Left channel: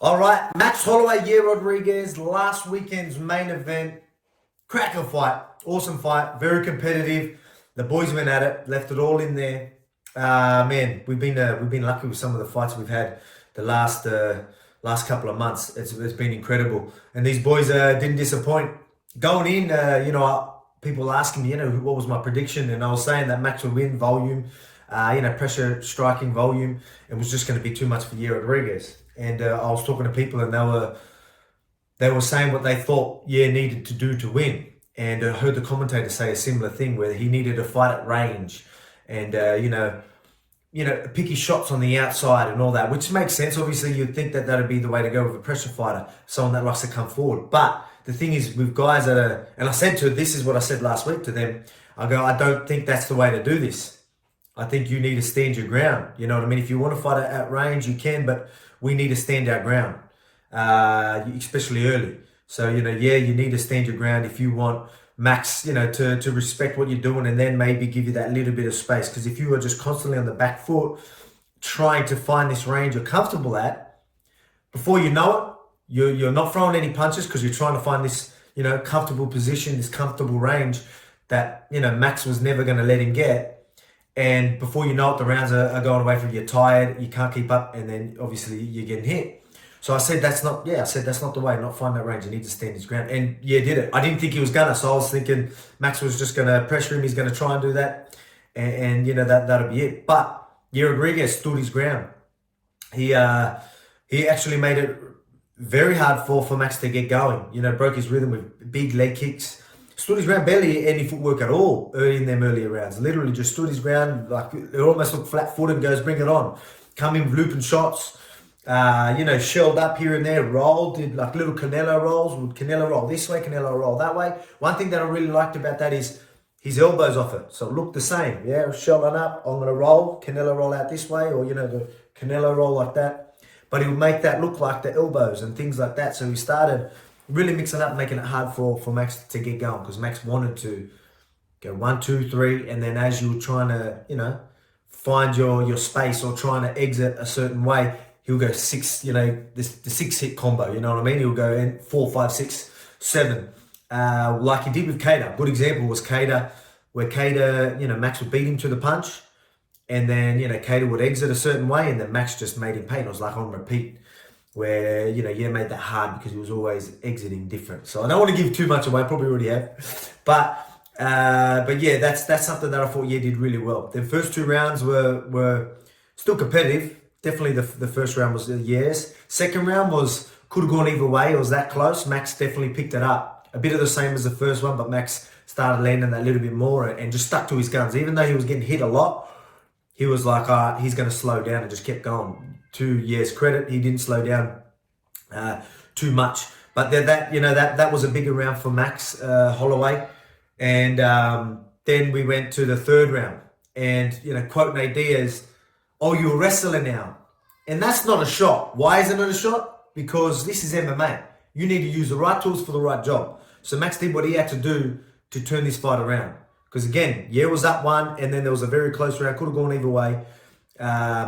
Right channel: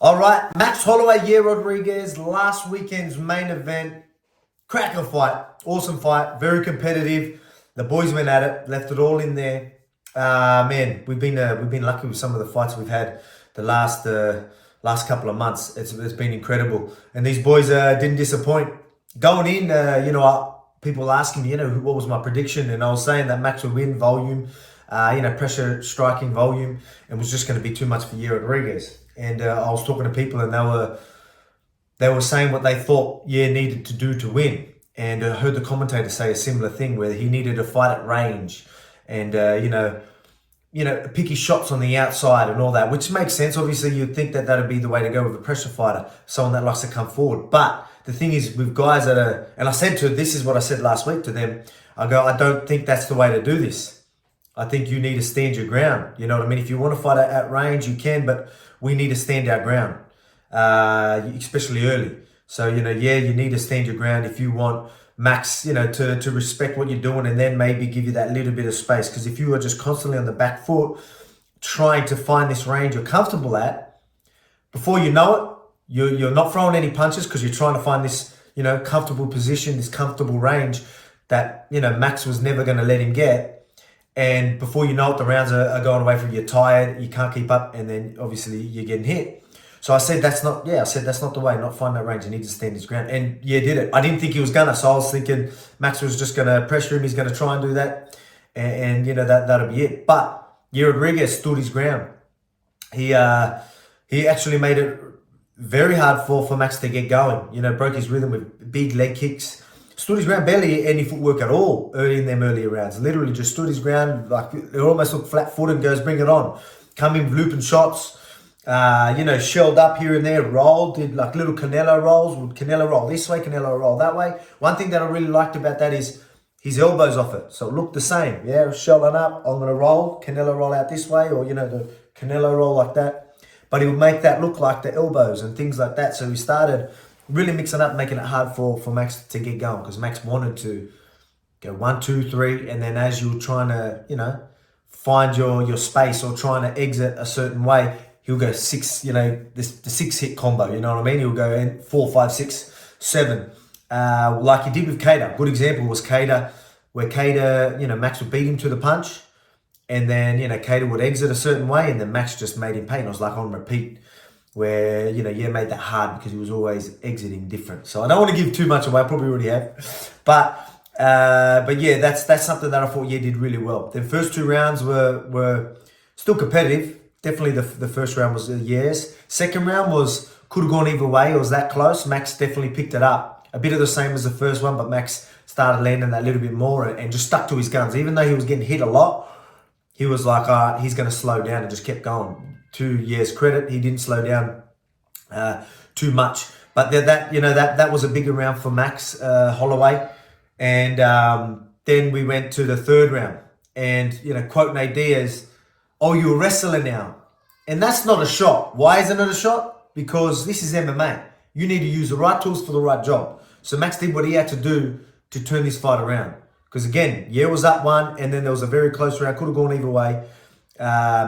All right, Max Holloway, Yair Rodriguez, last weekend's main event. Cracker fight, awesome fight, very competitive. The boys went at it, left it all in there. Man, we've been lucky with some of the fights we've had the last couple of months. It's been incredible, and these boys didn't disappoint. Going in, people asking me, what was my prediction, and I was saying that Max would win volume, pressure striking volume, and was just going to be too much for Yair Rodriguez. And I was talking to people, and they were saying what they thought Yair needed to do to win. And I heard the commentator say a similar thing, where he needed to fight at range, and pick his shots on the outside and all that, which makes sense. Obviously, you'd think that that'd be the way to go with a pressure fighter, someone that likes to come forward. But the thing is, with guys that are, and this is what I said last week to them. I don't think that's the way to do this. I think you need to stand your ground. You know what I mean? If you want to fight at range, you can, but we need to stand our ground, especially early. So, you need to stand your ground if you want Max, to respect what you're doing, and then maybe give you that little bit of space. Because if you are just constantly on the back foot, trying to find this range you're comfortable at, before you know it, you're not throwing any punches because you're trying to find this, comfortable position, this comfortable range that, Max was never going to let him get. And before you know it, the rounds are going away from you. You're tired, you can't keep up, and then obviously you're getting hit. So I said that's not the way. Not find that range. You need to stand his ground. And did it. I didn't think he was gonna. So I was thinking Max was just gonna pressure him. He's gonna try and do that, and that'll be it. But Yair Rodriguez stood his ground. He actually made it very hard for Max to get going. Broke his rhythm with big leg kicks. Stood his ground, barely any footwork at all in them earlier rounds. Literally just stood his ground, like it almost looked flat-footed and goes, bring it on. Come in looping shots, shelled up here and there, rolled, did like little Canelo rolls. Would Canelo roll this way, Canelo roll that way. One thing that I really liked about that is his elbows off it. So it looked the same. Yeah, shelling up, I'm going to roll, Canelo roll out this way, or, the Canelo roll like that. But he would make that look like the elbows and things like that. So he started really mixing up, making it hard for Max to get going, because Max wanted to go 1, 2, 3, and then as you were trying to, find your space or trying to exit a certain way, he'll go 6, the 6-hit combo, you know what I mean? He'll go in 4, 5, 6, 7, like he did with Cater. Good example was Cater, where Cater, Max would beat him to the punch, and then, Cater would exit a certain way, and then Max just made him pay. And it was like on repeat, where, made that hard because he was always exiting different. So I don't want to give too much away, I probably already have. But yeah, that's something that I thought did really well. The first 2 rounds were still competitive. Definitely the first round was Yair's. Second round could have gone either way. It was that close. Max definitely picked it up. A bit of the same as the first one, but Max started landing that little bit more and just stuck to his guns. Even though he was getting hit a lot, he was like, all right, he's going to slow down, and just kept going. To Yair's credit, he didn't slow down too much. But that was a bigger round for Max Holloway. And then we went to the third round. And, quote Nate Diaz, "Oh, you're a wrestler now." And that's not a shot. Why isn't it a shot? Because this is MMA. You need to use the right tools for the right job. So Max did what he had to do to turn this fight around. Because again, Yair was up 1, and then there was a very close round. Could have gone either way.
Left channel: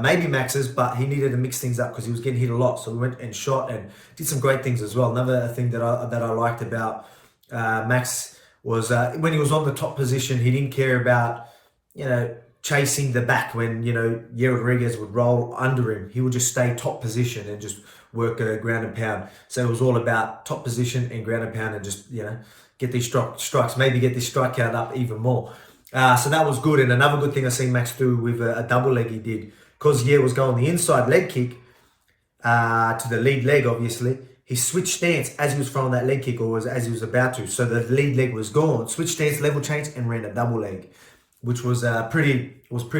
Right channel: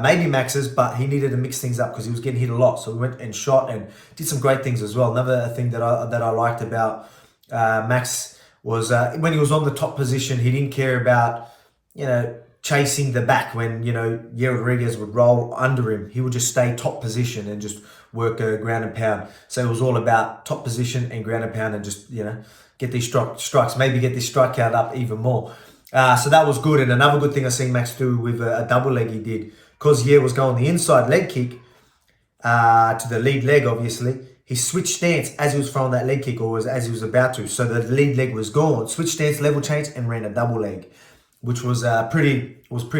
Maybe Max's, but he needed to mix things up because he was getting hit a lot. So we went and shot and did some great things as well. Another thing that I liked about Max was when he was on the top position, he didn't care about chasing the back. When Yair Rodriguez would roll under him, he would just stay top position and just work ground and pound. So it was all about top position and ground and pound, and just get these strikes, maybe get this strike count up even more. So that was good. And another good thing I seen Max do with a double leg he did, because Yair was going the inside leg kick to the lead leg, obviously. He switched stance as he was throwing that leg kick, or as he was about to. So the lead leg was gone. Switched stance, level change, and ran a double leg, which was pretty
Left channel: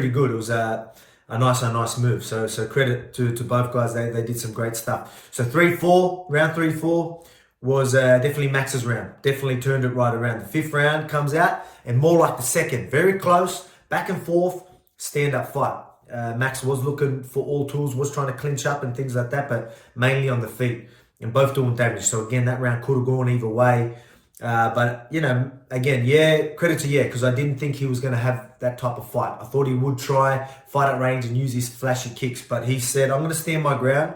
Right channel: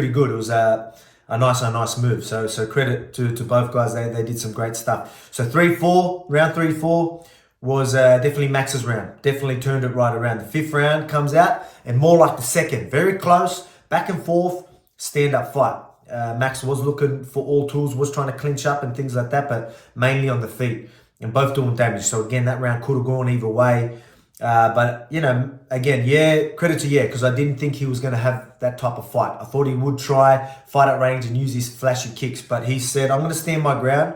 good. It was a nice move. So credit to both guys. They did some great stuff. So round 3, 4 was definitely Max's round. Definitely turned it right around. The 5th round comes out, and more like the second. Very close, back and forth, stand-up fight. Max was looking for all tools, was trying to clinch up and things like that, but mainly on the feet, and both doing damage. So again, that round could have gone either way. But, again, credit to because I didn't think he was going to have that type of fight. I thought he would try, fight at range and use his flashy kicks, but he said, I'm going to stand my ground.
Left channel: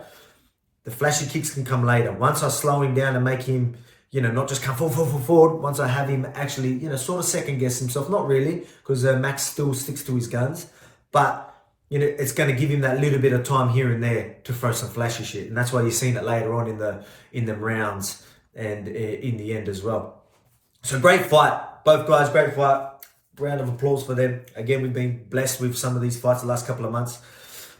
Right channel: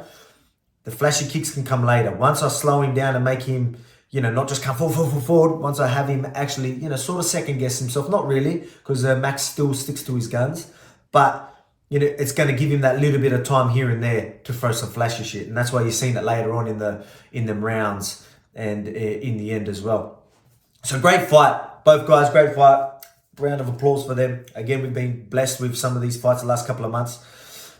The flashy kicks can come later. Once I slow him down and make him, not just come forward. Once I have him actually, sort of second guess himself. Not really, because Max still sticks to his guns. But, it's going to give him that little bit of time here and there to throw some flashy shit. And that's why you're seeing it later on in them rounds and in the end as well. So great fight. Both guys, great fight. Round of applause for them. Again, we've been blessed with some of these fights the last couple of months.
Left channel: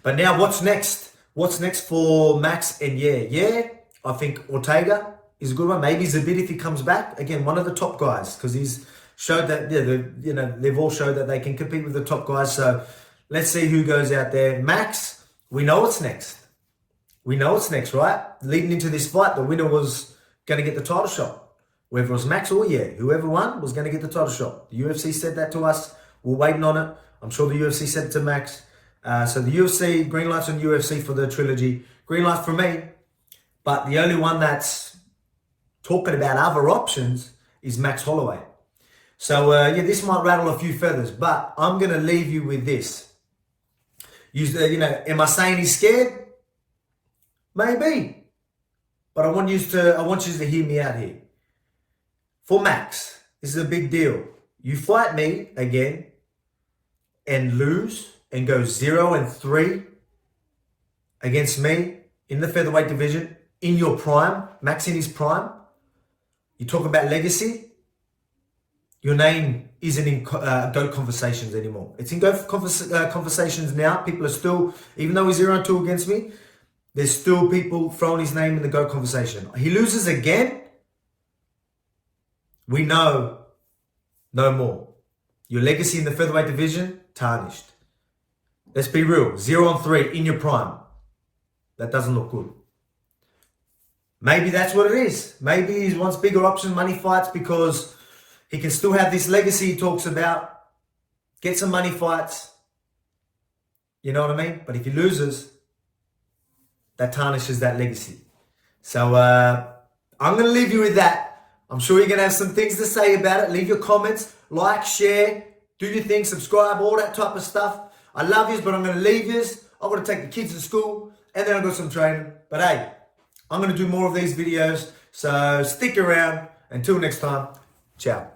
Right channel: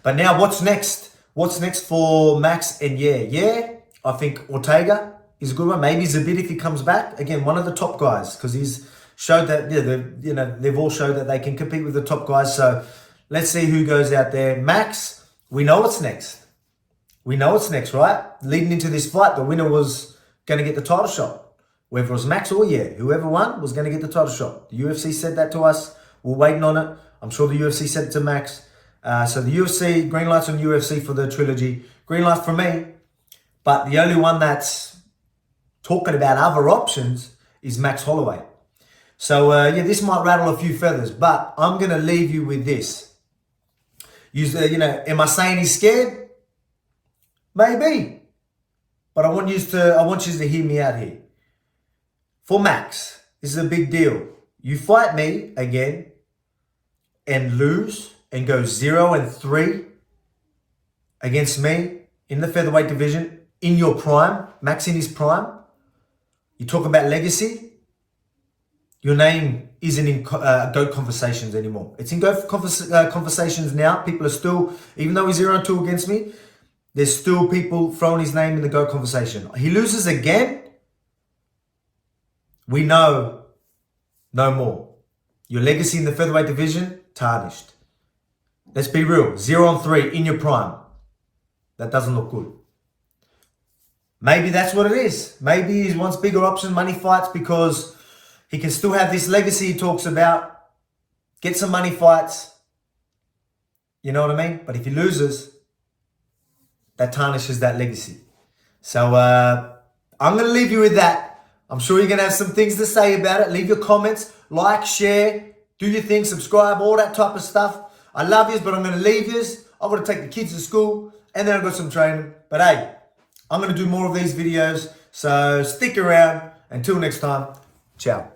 But now what's next? What's next for Max and Yair? Yeah, I think Ortega is a good one. Maybe Zabit if he comes back. Again, one of the top guys, because he's showed that, they've all showed that they can compete with the top guys. So let's see who goes out there. Max, we know what's next. We know what's next, right? Leading into this fight, the winner was going to get the title shot. Whether it was Max or Yair, whoever won was going to get the title shot. The UFC said that to us. We're waiting on it. I'm sure the UFC said it to Max. So the UFC, green lights on UFC for the trilogy. Green light for me. But the only one that's talking about other options is Max Holloway. So, this might rattle a few feathers. But I'm going to leave you with this. Am I saying he's scared? Maybe. But I want you to hear me out here. For Max, this is a big deal. You fight me again and lose and go 0-3 against me in the featherweight division in your prime, Max in his prime. You talk about legacy. Your name isn't in GOAT conversations anymore. It's in GOAT conversations now. People are still, even though he's 0-2 against me, there's still people throwing his name in the GOAT conversation. He loses again. We know no more. Your legacy in the featherweight division, tarnished. Let's be real. 0-3 in your prime. That doesn't look good. Maybe that's what it is. Maybe he wants bigger options, money fights, because he can still have this legacy he talks about. Get some money fights. You know what I mean? But if he loses, that tarnishes that legacy. So I'm going to leave you with that. I'm sure you're going to have some things to say about it. Leave your comments, like, share, do your thing, subscribe, all that type of stuff. I love yous, but I'm going to leave yous. I'm going to take the kids to school, and then I've got some training. But hey, I'm going to do more of these videos, so stick around. Until next time, ciao.